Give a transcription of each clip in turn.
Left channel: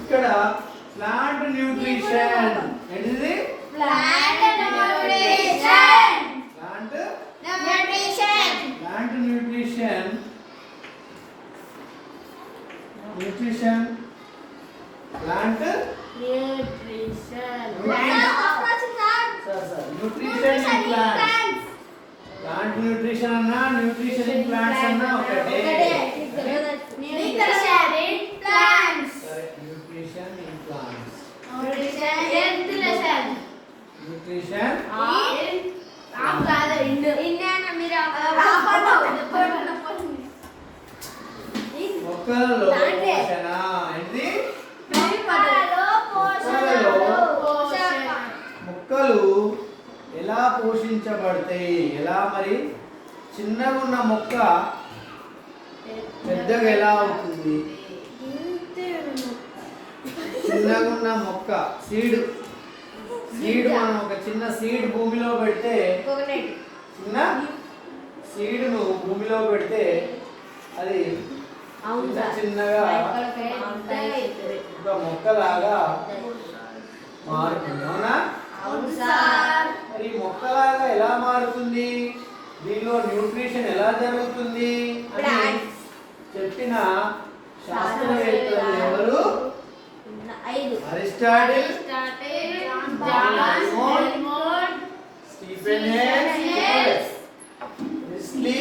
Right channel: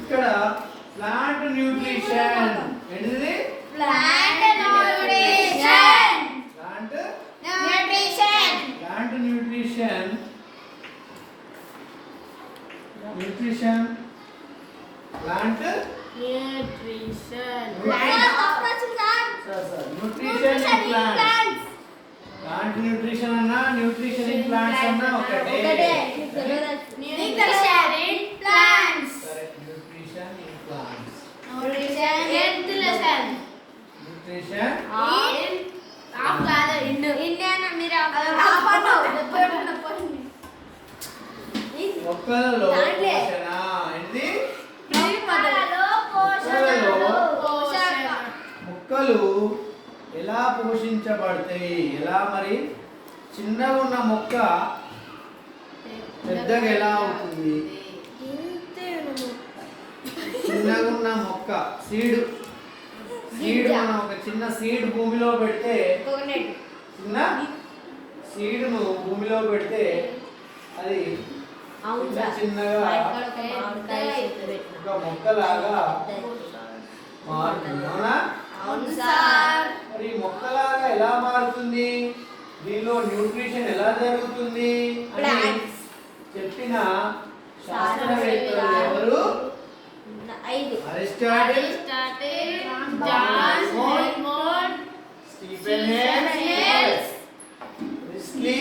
ఇక్కడ plant nutrition ఏంటిది? Plant nutrition. Plant nutrition. Nutrition plant nutrition in plants. Plant nutrition అన్నా nutrition in plants అన్నా ఒకటే. Nutrition in plants. Nutrition మొక్కలలో పోషణ. ఇది మొక్కలు ఎలా పోషించబడతాయి? ఎలా మరి? చిన్నగా ఉన్న మొక్క పెద్దగా ఎలా అవుతుంది? చిన్నగా ఉన్న మొక్క సీడ్ మనం ఒక చిన్న సీడ్ భూమిలో పెడితే, చిన్న సీడ్ను భూమిలో పెడితే అది చిన్నగా ఒక మొక్కలాగా మారుతుంది. అవునా? మరి మొక్కలాగా ఎలా మారుతుంది? దీనిలో న్యూట్రిషన్ ఎలా జరుగుతుంది అని చెప్పిన శాస్త్రవేత్తలు ఎవరు? Aristotle, Stephen Hales, Priestley,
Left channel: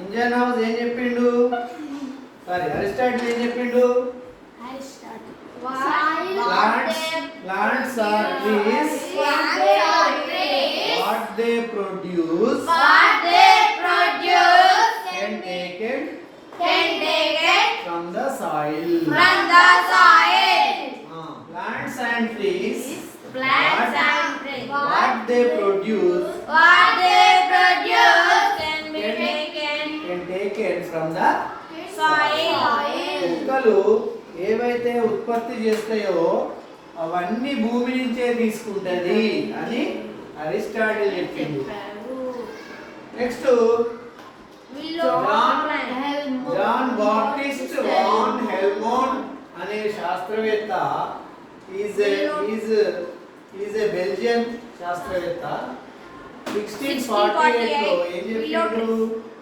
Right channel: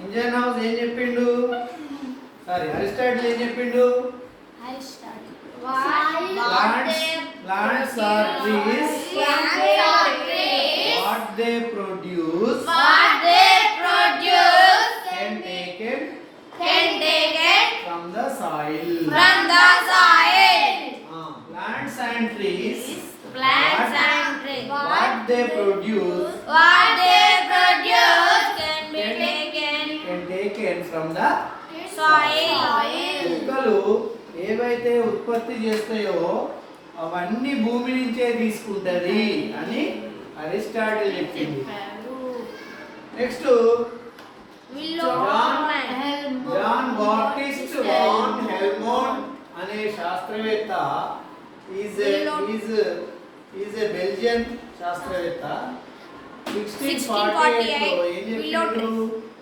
Ingenhousz ఏం చెప్పిండు? సారీ, అరిస్టాటిల్ ఏం చెప్పిండు? Plants are trees. What they produce can taken from the soil. Plants and trees. What they produce can taken from the soil. మొక్కలు ఏవైతే ఉత్పత్తి చేస్తాయో అవన్నీ భూమి నుంచే తీసుకుంటది అని అరిస్టాటిల్ చెప్పింది. నెక్స్ట్ జాన్ బాప్టిస్ట్ వాన్ హెల్మోంట్ అనే శాస్త్రవేత్త ఈజ్ ఏ బెల్జియన్ శాస్త్రవేత్త. 1648 లో ఏం చెప్పిండు?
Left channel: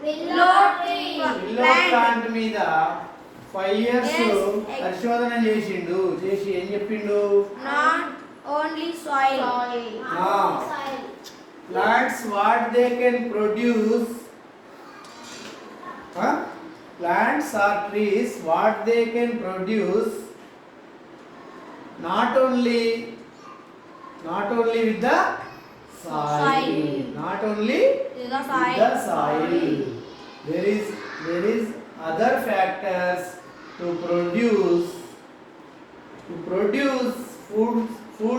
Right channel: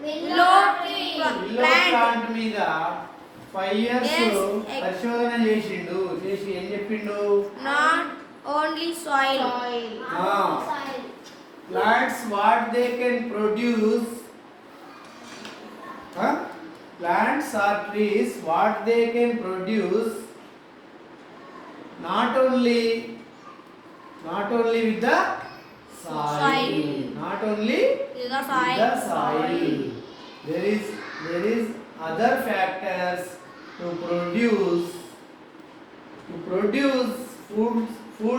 విల్లో ప్లాంట్ మీద 5 years పరిశోధన చేసిండు. చేసి ఏం చెప్పిండు? Not only soil. Plants what they can produce. Plants or trees what they can produce not only with the soil. Not only with the soil. There is other factors to produce food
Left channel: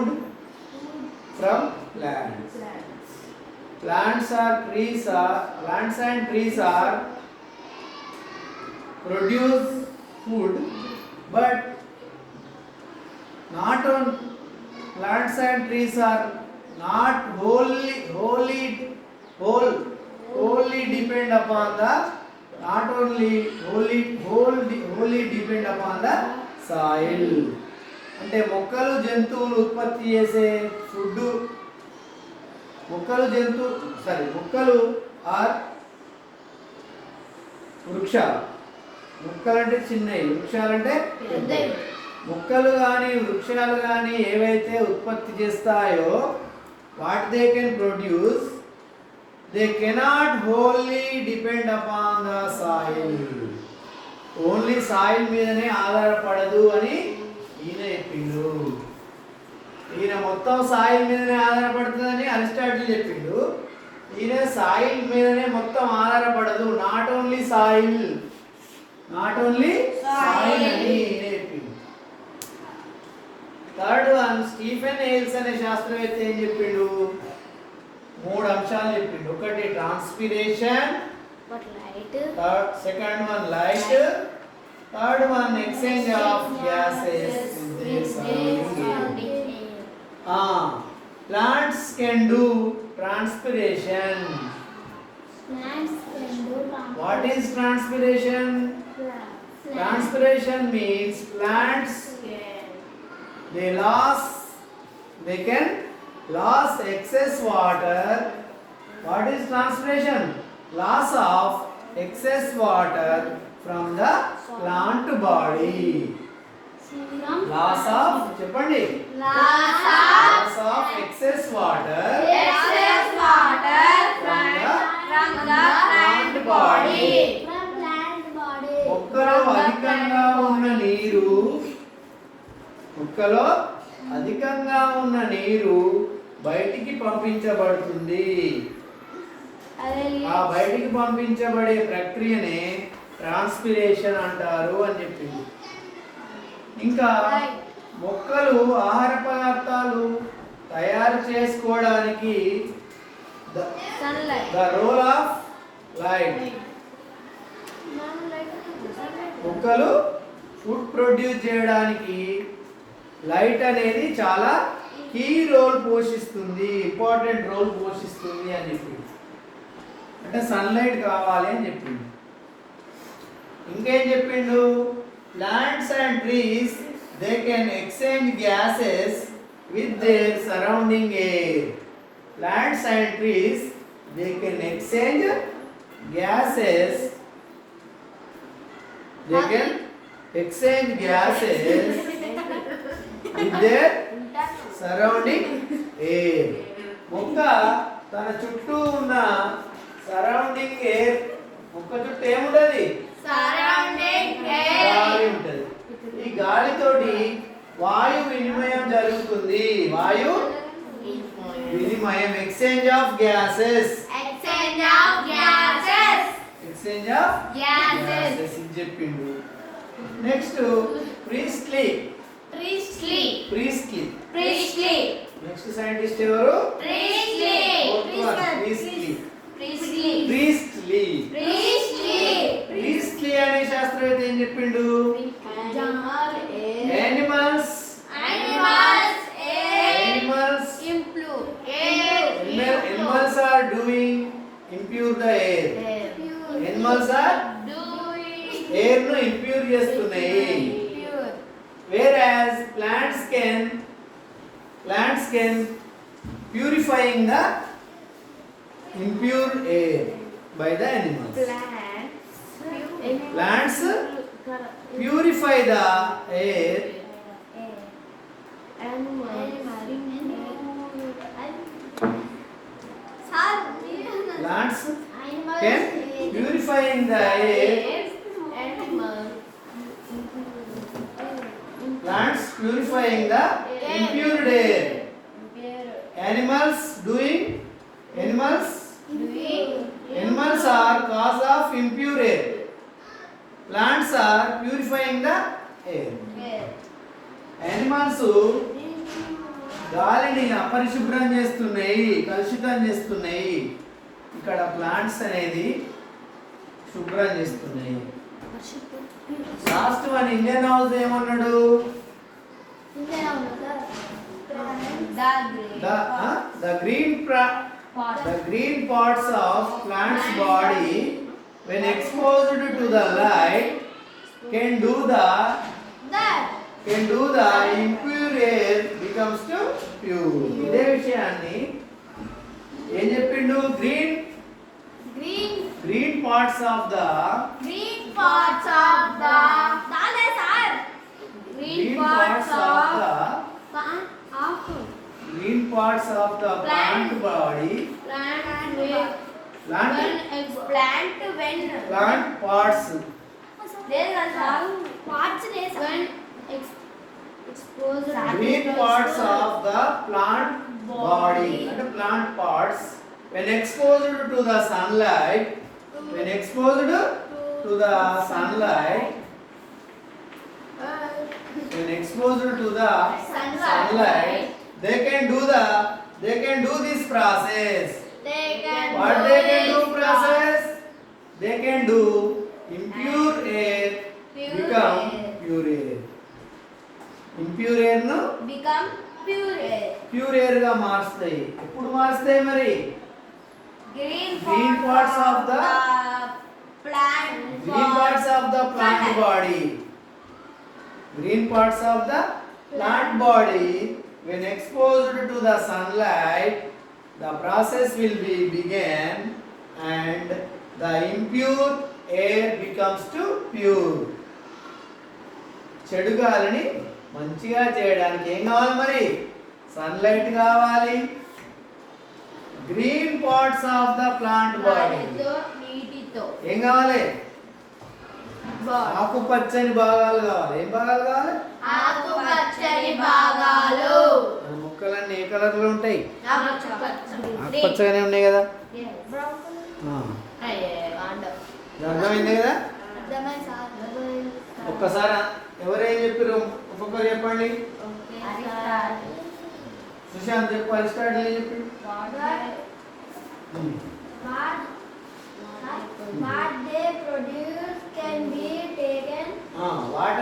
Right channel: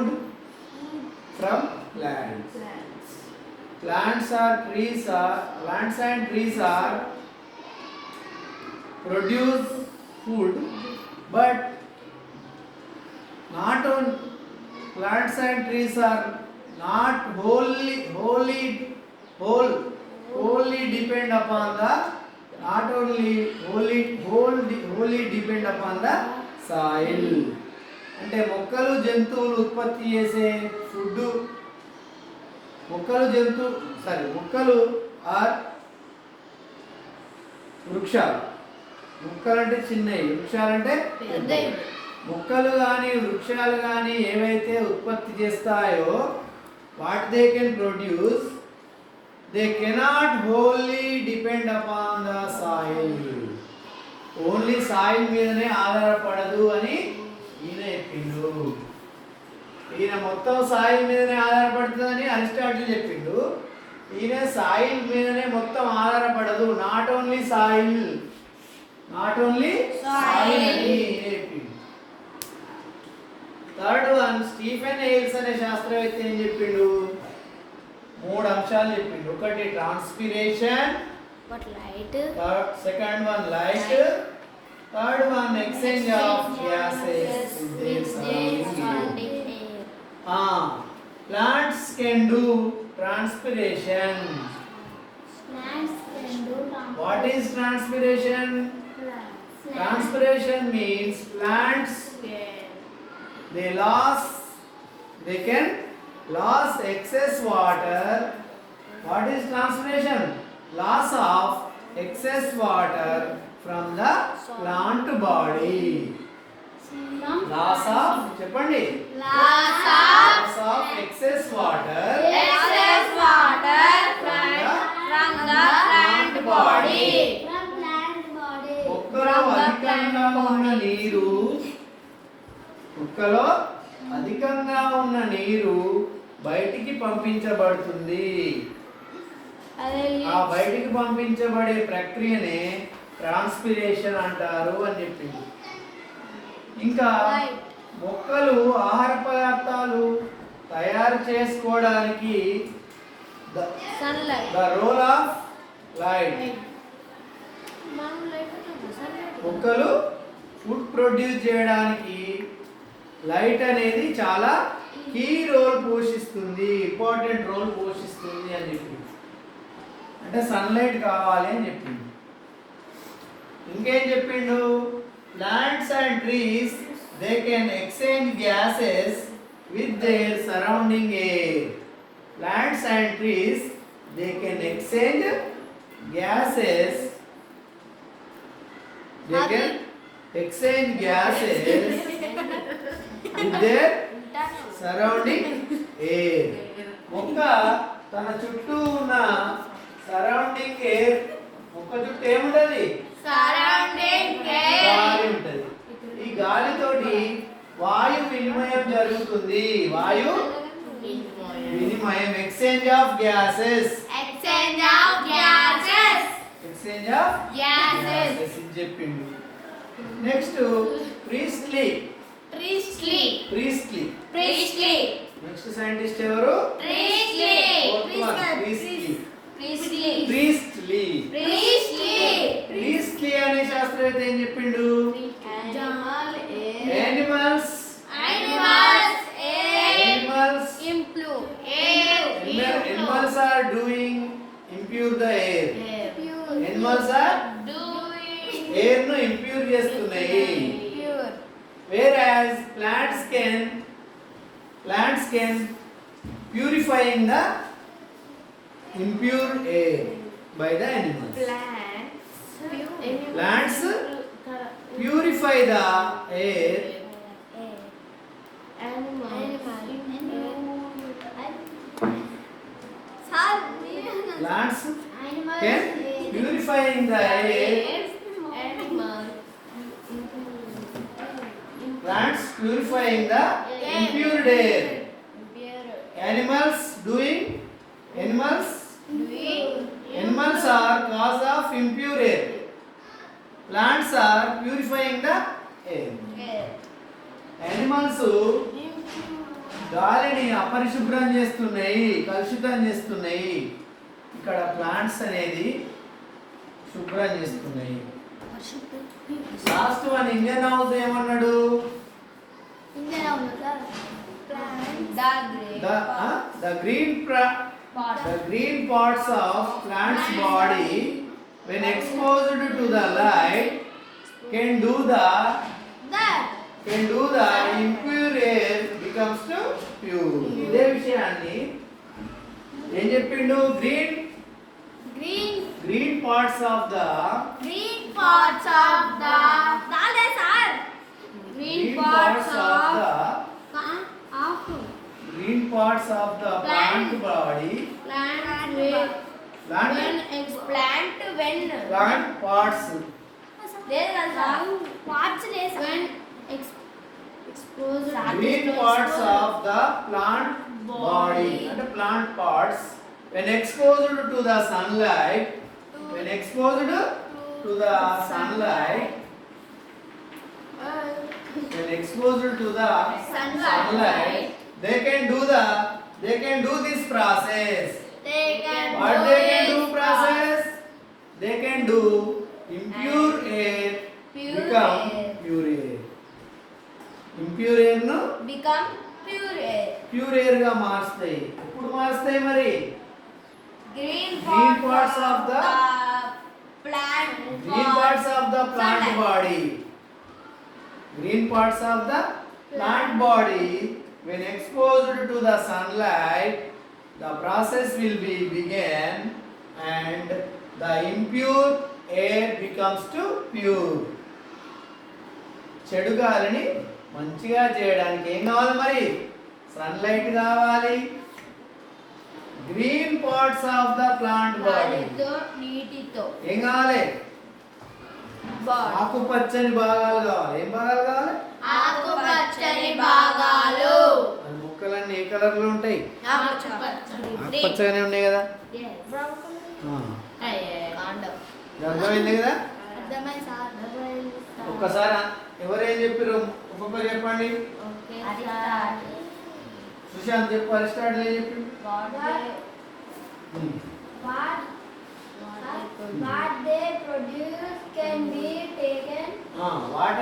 from plants. Plants and trees are produce food, but not on plants and trees are not wholly depend upon the wholly depend upon the soil. అంటే మొక్కలు జంతువులు ఉత్పత్తి చేసే ఫుడ్, మొక్కలు ఆర్ వృక్షాలు. మొక్కలు అంటే చిన్నవి, వృక్షాలు అంటే పెద్దవి. మొక్కలు కానీ వృక్షాలు కానీ ఏవైతే ఉత్పత్తి చేస్తాయో what they can produce, they cannot wholly depend upon the soil. Only soil మీదనే ఆధారపడదు అని ఈయన చెప్పిండు. ఈయన మొత్తం సాయిల్ మీదనే ఆధారపడుతుందని అరిస్టాటిల్ చెప్పిండు. ఈయన సాయిల్ మీదనే మొత్తం ఆధారపడదు, నాట్ ఓన్లీ సాయిల్ అని ఈయన చెప్పిండు. థర్డ్ వన్ స్టీఫెన్ హెయిల్స్ అనే శాస్త్రవేత్త ఏం చెప్పిండు? 3 అంశాలు చెప్పిండు. ఒకటి transpiration, second one light, third one exchange of gases. plants can do transpiration. Plants can do What is transpiration? Transpiration means plants they can loss excess water. What is transpiration? Loss of excess water from the plant body. Loss of చెప్పండి. Loss of excess water from the plant body. మొక్కలో అధికంగా ఉన్న నీరు బయటికి పంపించబడుతుంది. ఆ బయటికి పంపించబడే ప్రక్రియనే ట్రాన్స్పిరేషన్ అంటారు అని చెప్పింది. ఇంకా మొక్కలు ఆహార పదార్థాలు తయారు చేసుకోవడానికి ద రోల్ ఆఫ్ లైట్. మొక్కలు ఫుడ్ ప్రొడ్యూస్ చేయడానికి లైట్ అనేది చాలా కీ రోల్ పోషిస్తుంది, ఇంపార్టెంట్ రోల్ పోషిస్తుంది అని చెప్పింది. అంటే సన్లైట్ కావాలి అని చెప్పింది. ఇంకేం చెప్పిండు? Plants and trees they can exchange gases with their surrounding air. Plants and trees they can exchange gases they can exchange gases with their surrounding air. మొక్క తన చుట్టూ ఉన్న సరౌండింగ్ ఎయిర్, మొక్క చుట్టూ ఏముంటది? గాలి ఉంటది. ఈ గాలితోటి వాయు వినిమయం జరుగుతుంది. వాయు వినిమయం, ఎక్స్చేంజ్ ఆఫ్ గ్యాసెస్ చెప్పిండు. Next priestly. నెక్స్ట్ సైంటిస్ట్ ఎవరు? ప్రీస్ట్లీ అనే శాస్త్రవేత్త ఏం చెప్పిండు? Animals are doing impure the air. Animals are air ను ఇంప్యూర్ చేస్తున్నాయి. Whereas plants can purifying the impure air by the animals. Plants purify the air. Plants can purifying the air. Plants purifying the impure air. Animals are cause of impure air. Plants are purifying the air. Animals గాలిని అపరిశుభ్రం చేస్తున్నాయి, కలుషితం చేస్తున్నాయి. ఇక్కడ ప్లాంట్స్ అనేది శుభ్రం చేస్తున్నాయి. Last one Indian house ఏమన్నాడు? The green parts of plant's body when exposed to the light can do the impure air becomes to pure. ఇదే విషయాన్ని ఏం చెప్పిండు? green parts of the plant body. Plant parts. Green parts of the plant body and plant parts when exposed to the sunlight, they can do this process. What they can do process? They can do impure air become pure air. Impure air no? Become pure air. Pure air గా మారుస్తాయి. ఎప్పుడు మారుస్తాయి మరి? Green parts of the plant body. Green parts of the plant body, when exposed to the sunlight, the process will be begin and the impure air becomes to pure. చెడు గాలిని మంచిగా చేయడానికి ఏం కావాలి మరి? సన్లైట్ కావాలి. Green parts of the plant body ఏం కావాలి? ఆకుపచ్చని భాగాలు కావాలి. ఏం భాగాలు కావాలి? ఆకుపచ్చని భాగాలు. మన మొక్కలన్నీ ఏ కలర్ లో ఉంటాయి? ఆకుపచ్చగానే ఉన్నాయి కదా. అర్థమైంది కదా? ఒక్కసారి ఎవరేం చెప్పారు ఒక్కొక్కరు చెప్పండి. సుశాంత్ చెప్పు. అరిస్టాటిల్ ఏం చెప్పిండు? What they produce can be taken. What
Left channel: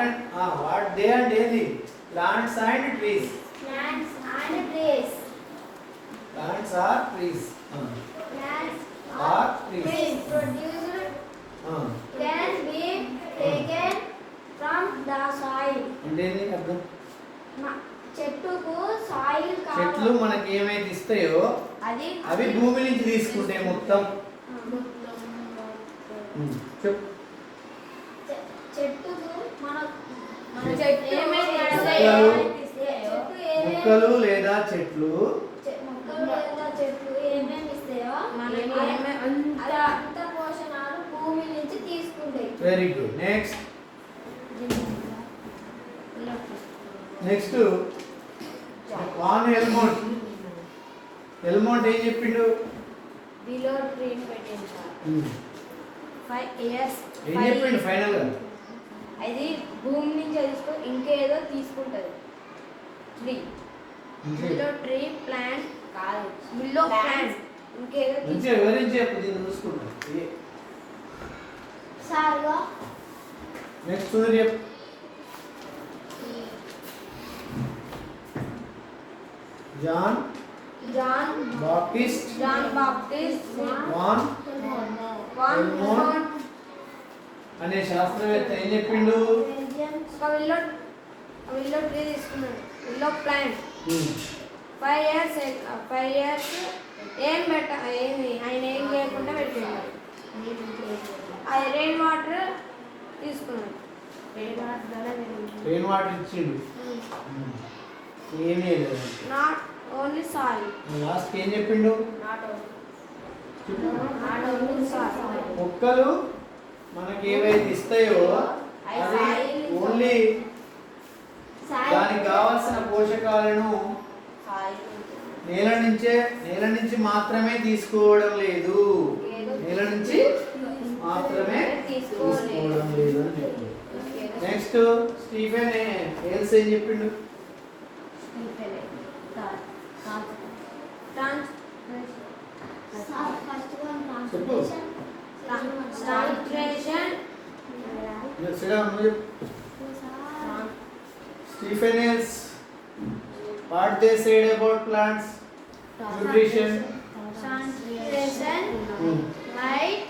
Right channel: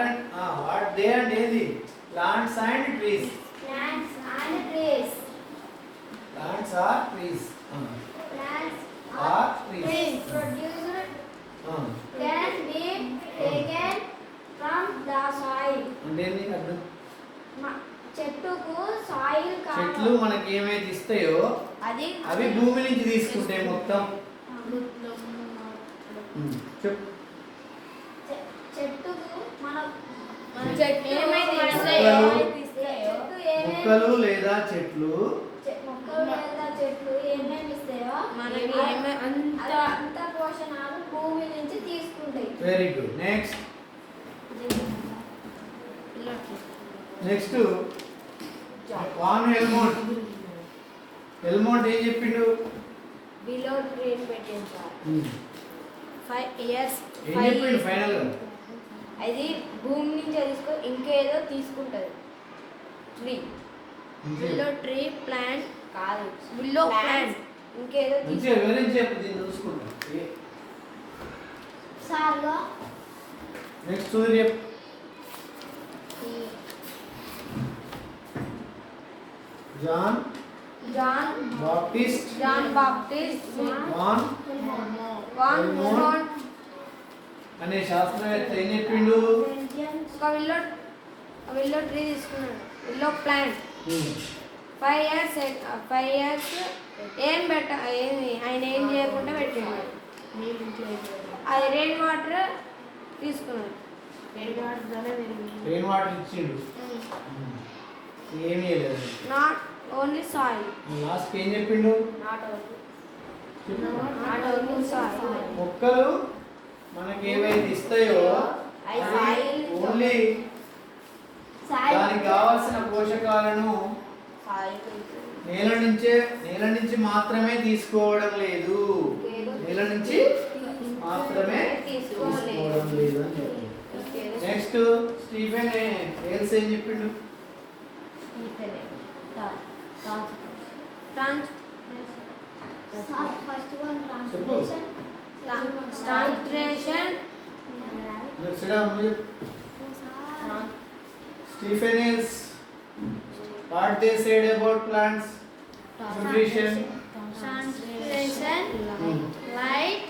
they are daily plants and trees. Plants and trees. Plants are trees. Plants Are are trees. trees produced can be taken from the soil. అంటే ఏంది అర్థం? చెట్టుకు సాయిల్ చెట్లు మనకి ఏమైతే ఇస్తాయో అవి భూమి నుంచి తీసుకుంటాయి మొత్తం. చెప్పు. చెట్టుకు మన మొక్కలు లేదా చెట్లు ఏమేమి ఇస్తాయో అంత పోషణాలు భూమి నుంచి తీసుకుంటాయి. Very good. నెక్స్ట్ వాన్ ఎల్మోంట్ ఏం చెప్పిండు? బిలో ట్రీన్ పెట్టింది 5 years. ఏం చెప్పిండు ఫైనల్ గా? అది భూమి నుంచి తీసుకో ఇంకేదో తీసుకుంటది. బిలో ట్రీ ప్లాంట్ కాదు. బిలో ప్లాంట్ ఇంకేదో మంచిగా వివరించి చెప్పు. దీన్ని చూసుకుంటా. సార్గా నెక్స్ట్ చూడండి చెప్పు. జాన్ బాప్టిస్ట్ వాన్ ఎల్మోంట్ అనే శాస్త్రవేత్త ఏం చెప్పిండు? విల్లో ట్రీ తీసుకున్నాడు. విల్లో ప్లాంట్ 5 years ఏం ఆయన ఏం చేయకుండా పెట్టిండు. అది రెయిన్ వాటర్ తీసుకున్నాడు. రెయిన్ వాటర్ ఇచ్చిండు. ఏమీ లేదు. Not only soil. లాస్ట్ ఏం చెప్పిండు? నాట్ చెప్పు. Only soil. మొక్కలు మనకి ఏవైతే ఇస్తాయో అవి ఓన్లీ దానికి కావాల్సిన పోషకాలను నేల నుంచి మాత్రమే తీసుకోవడం లేదు. నేల నుంచి మాత్రమే తీసుకోవడం లేదు అని చెప్పింది. నెక్స్ట్ స్టీఫెన్ హేల్స్ ఏం చెప్పిండు? Stephen Hales, what they said about plants nutrition? Concentration, light,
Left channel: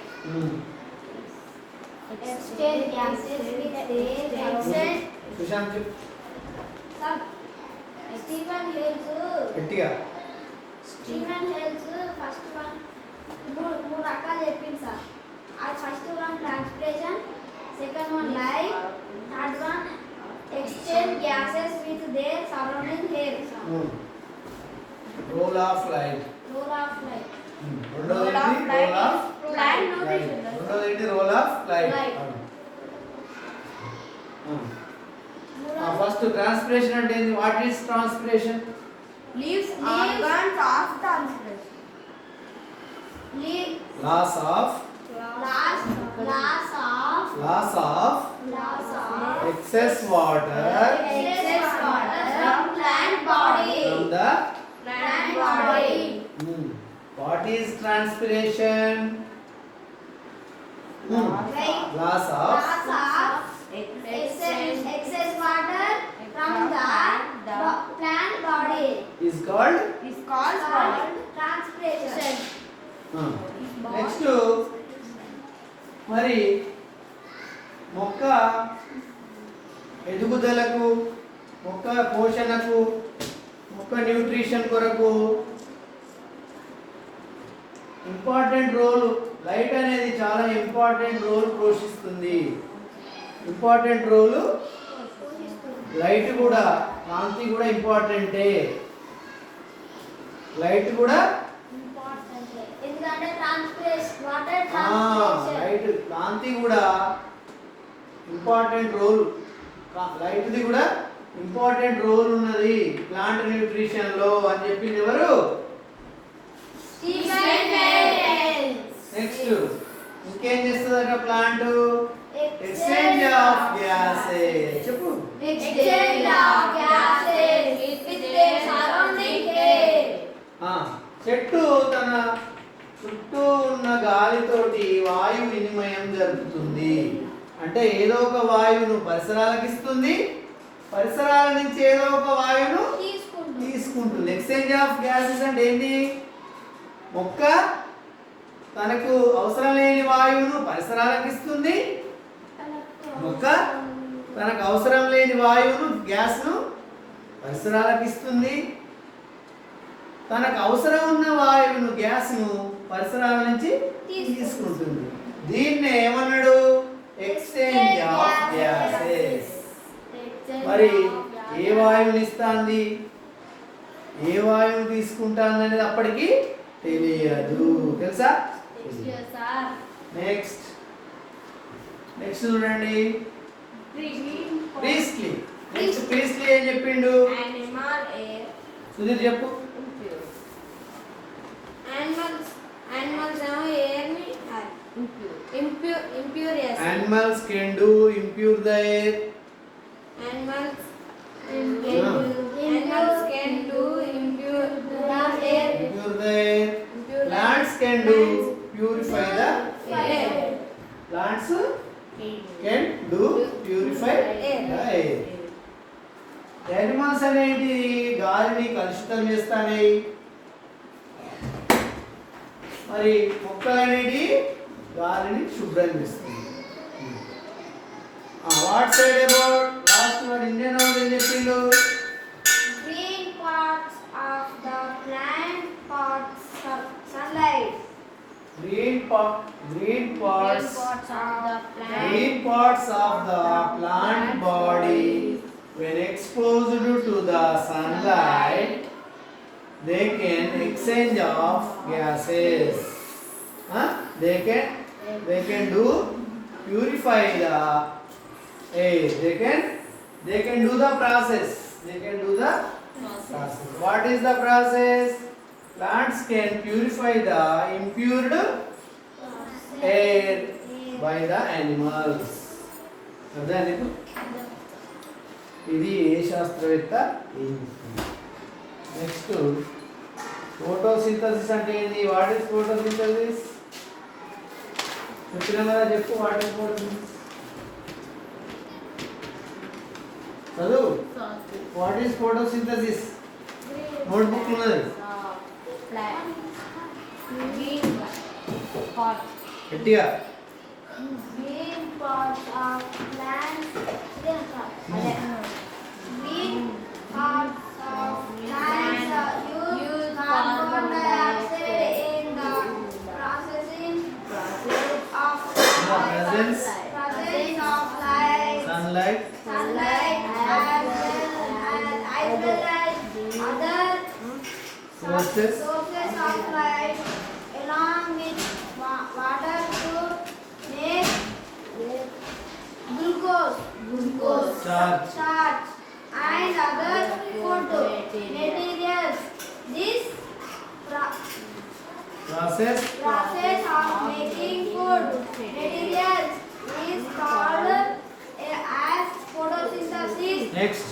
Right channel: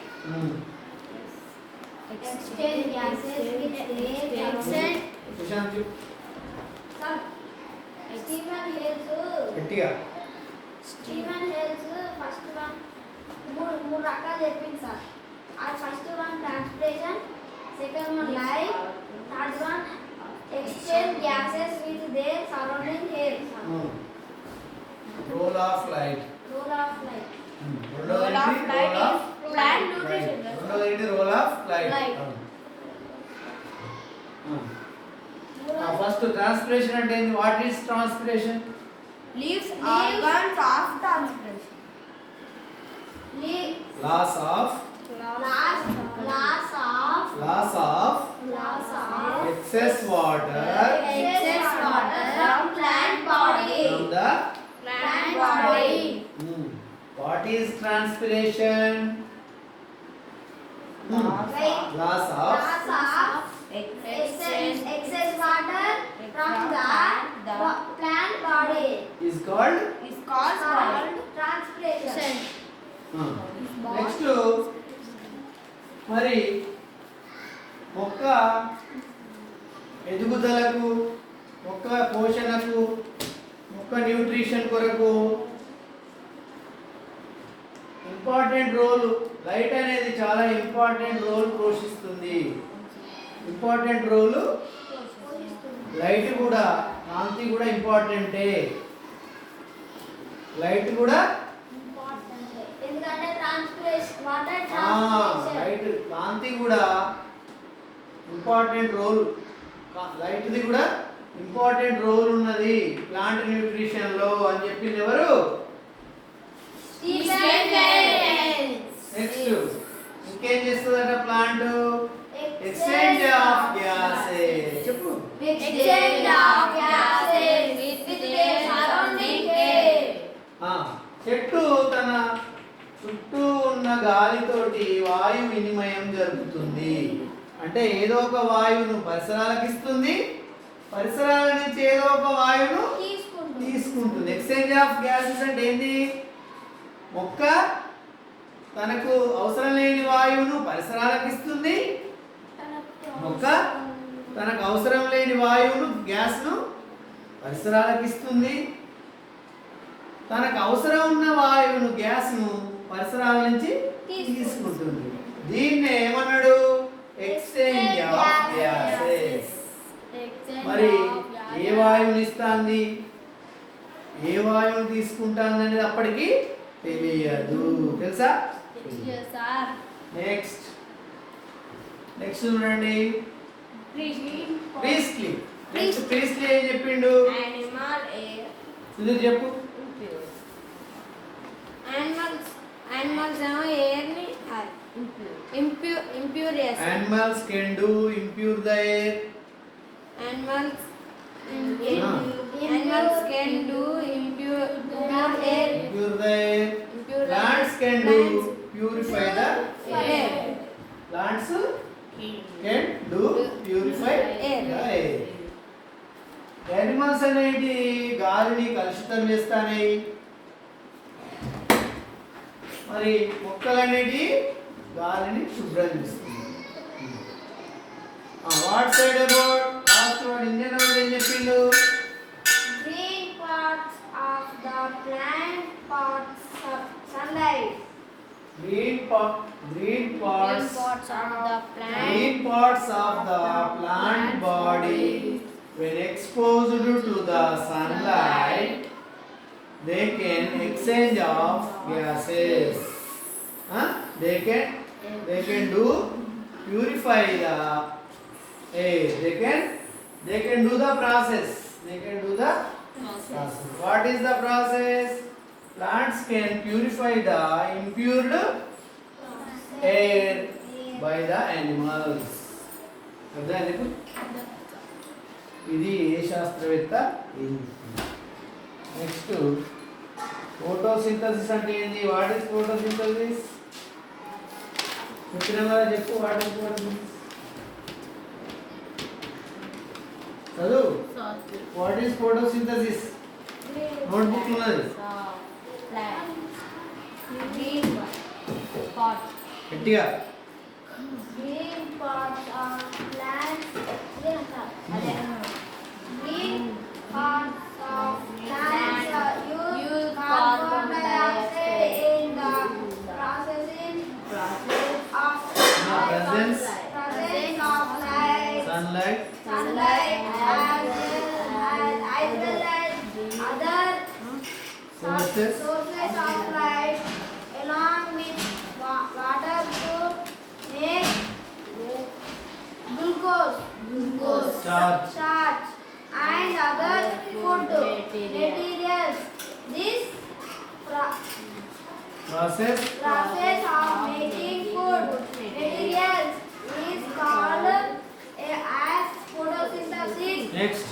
exchange gases with air, exchange. Sushant, Stephen Hales. గట్టిగా. Stephen Hales first one మూడు రకాలు చెప్పింది సార్. అది first one transpiration, second one light, third one exchange gases with their surrounding air. Role of light. రెండోది role of light. First transpiration అంటే ఏంది? What is transpiration? Leaves organs of transpiration. Loss of excess water from plant body. from the Plant body. What is transpiration? Loss of Excess water from the plant body is called is called transpiration. Next మరి మొక్క ఎదుగుదలకు, మొక్క పోషణకు, మొక్క న్యూట్రిషన్ కొరకు important role, light అనేది చాలా important role పోషిస్తుంది. ఇంపార్టెంట్ రోల్ లైట్ కూడా, కాంతి కూడా ఇంపార్టెంటే. లైట్ కూడా ఎందుకంటే వాటర్ ట్రాన్స్పిరేషన్. లైట్, కాంతి కూడా ఇంపార్టెంట్ రోల్, లైట్ది కూడా ఇంపార్టెంట్ రోల్ ఉన్నది ప్లాంట్ న్యూట్రిషన్ లో అని చెప్పింది ఎవరు? నెక్స్ట్ ఇంకేం చేస్తుందట ప్లాంట్? Exchange of gases. చెప్పు. Exchange of gases with the surrounding air. చెట్టు తన చుట్టూ ఉన్న గాలితోటి వాయు వినిమయం జరుగుతుంది. అంటే ఏదో ఒక వాయువును పరిసరాలకు ఇస్తుంది, పరిసరాల నుంచి ఏదో ఒక వాయువును తీసుకుంటుంది. ఎక్స్చేంజ్ ఆఫ్ గ్యాసెస్ అంటే ఏంటి? మొక్క తనకు అవసరం లేని వాయువును పరిసరాలకు ఇస్తుంది, మొక్క తనకు అవసరం లేని వాయువును, గ్యాస్ను పరిసరాలకు ఇస్తుంది, తనకు అవసరం ఉన్న వాయువును, గ్యాస్ను పరిసరాల నుంచి తీసుకుంటుంది. దీన్నే ఏమన్నాడు? Exchange of gases. మరి ఏ వాయువుని ఇస్తుంది, ఏ వాయువుని తీసుకుంటుంది అనేది అప్పటికి తెలియదు. తెలుసా? నెక్స్ట్ నెక్స్ట్ చూడండి. ప్రీస్లీ. నెక్స్ట్ ప్రీస్లీ ఏం చెప్పిండు? సుధీర్ చెప్పు. Animals can do impure the air. Animals can do impure the air. Impure the air. Plants can do purify the air. Plants can do purify the air. Animals అనేది గాలిని కలుషితం చేస్తాయి. మరి మొక్కలు అనేది గాలిని శుభ్రం చేస్తుంది. What side about last word Indian word ఏం చెప్పిండు? Green parts of the plant parts sunlight. Green parts of the plant body when exposed to the sunlight they can exchange of gases. They can do purify the air. They can do the process. What is the process? Plants can purify the impure air by the animals. అర్థమైంది ఇప్పుడు? ఇది ఏ శాస్త్రవేత్త? Next photosynthesis అంటే ఏంది? What is photosynthesis? చెప్పినా కదా, చెప్పు. What is photosynthesis? చదువు. What is photosynthesis? నోట్బుక్ ఉన్నది. గట్టిగా. Green parts of plants. Green parts of plants use carbon dioxide in the processing of presence of light, sunlight as well as other sources of light, along with water to make glucose, starch, and other food materials. This process of making food materials is called as photosynthesis. next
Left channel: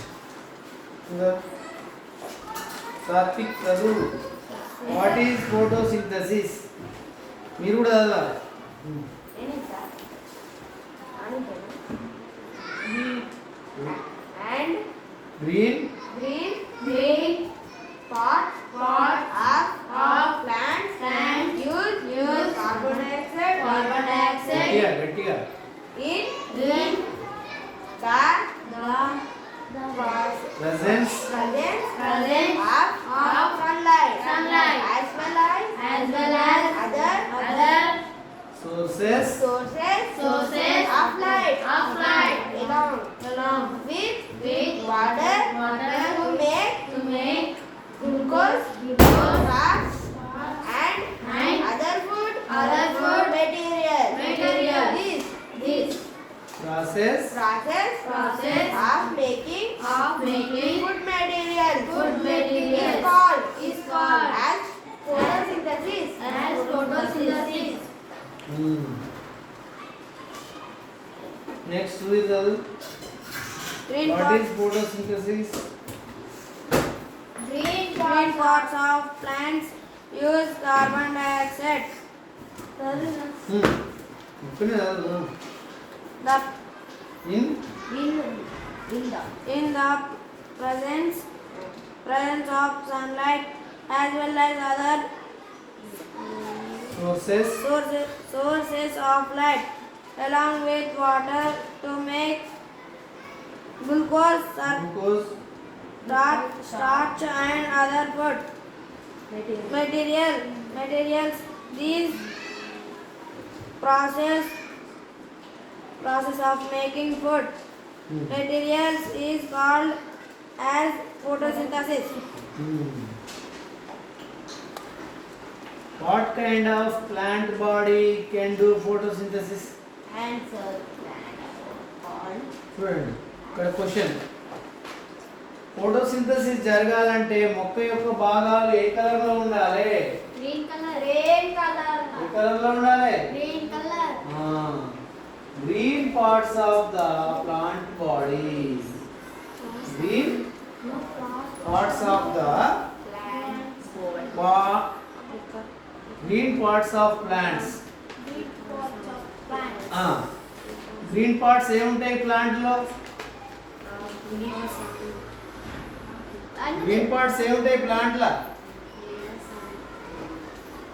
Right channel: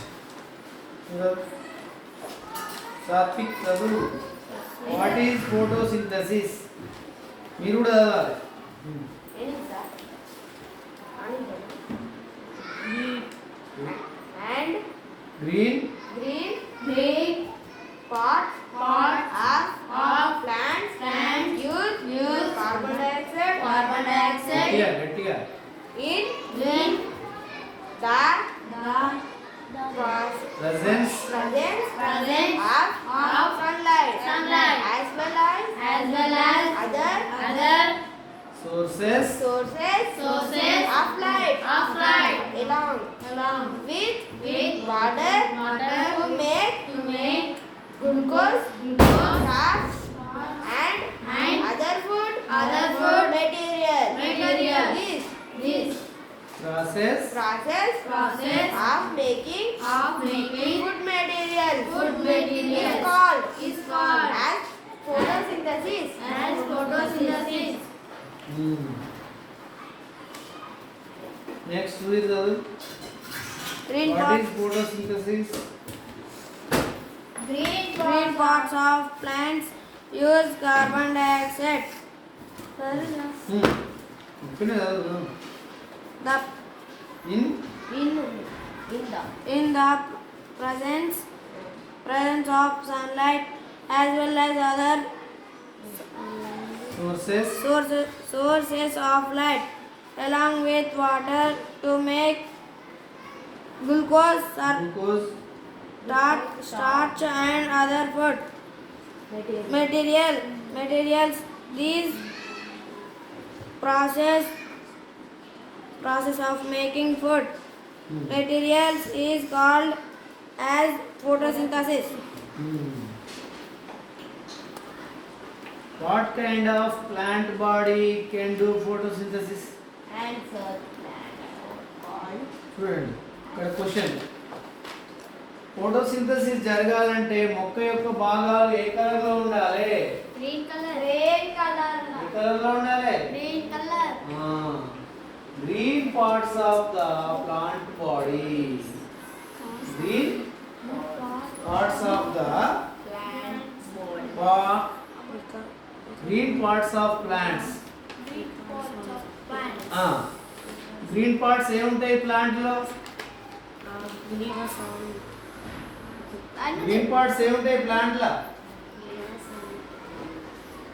Satvik చదువు. What is photosynthesis? మీరు కూడా చదవాలి. And green green next ఇది Green what parts, is photosynthesis? green parts of plants use carbon dioxide. ఓకేనే The in in the presence of sunlight as well as other sources of light along with water to make glucose, glucose starch and other food materials. These process of making food materials is called as photosynthesis. What kind of plant body can do photosynthesis? చూడండి ఇక్కడ question, photosynthesis జరగాలంటే మొక్క యొక్క భాగాలు ఏ కలర్ లో ఉండాలి? Green colour, red colour, ఏ కలర్ లో ఉండాలి? Green colour. Green parts of the plant body, green parts of the green parts of plants. Green parts ఏముంటాయి ప్లాంట్ లో? గ్రీన్ పార్ట్స్ ఏముంటాయి ప్లాంట్ లో?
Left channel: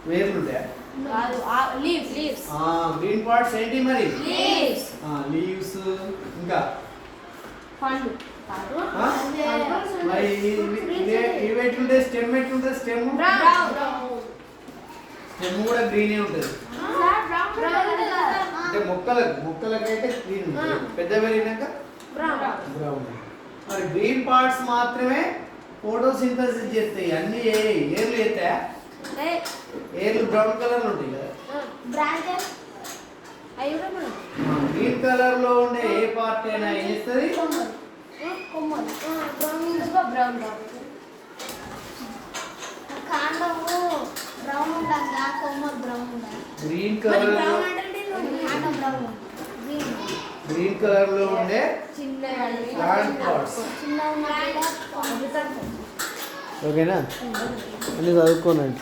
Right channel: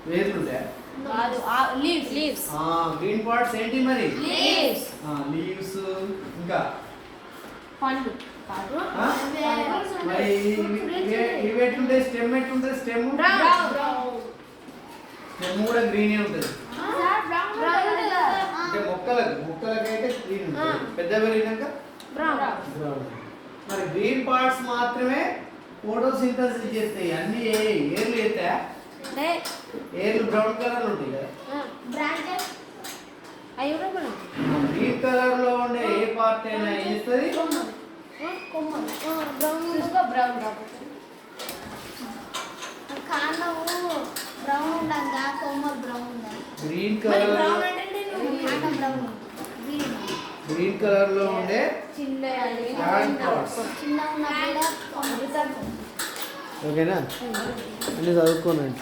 వేర్లు ఉంటాయా? Leaves. గ్రీన్ పార్ట్స్ ఏంటి మరి? Leaves. లీవ్స్, ఇంకా పండ్లు. మరి ఇవి ఎట్లుంటాయి? స్టెమ్ ఎట్లుంటుంది? స్టెమ్ స్టెమ్ కూడా గ్రీనే ఉంటుంది. అంటే మొక్కలకైతే గ్రీన్ ఉంటుంది, పెద్ద పెరిగినాక బ్రౌన్. మరి గ్రీన్ పార్ట్స్ మాత్రమే ఫోటోసింథసిస్ చేస్తాయి. అన్ని ఏర్లు చేస్తాయా? ఏర్లు బ్రౌన్ కలర్ ఉంటాయి కదా. బ్రాంచెస్ గ్రీన్ కలర్ లో ఉండే ఏ పార్ట్ అయినా ఏం చేస్తుంది? బ్రౌన్ కాండము బ్రౌన్ ఉండగా కొమ్మలు బ్రౌన్ ఉండాలి. గ్రీన్ కలర్ లో బ్రౌన్ గ్రీన్ కలర్ లో ఉండే ప్లాంట్ పార్ట్స్. చిన్న ఉన్న కూడా ఓకేనా? అన్ని చదువుకోనండి.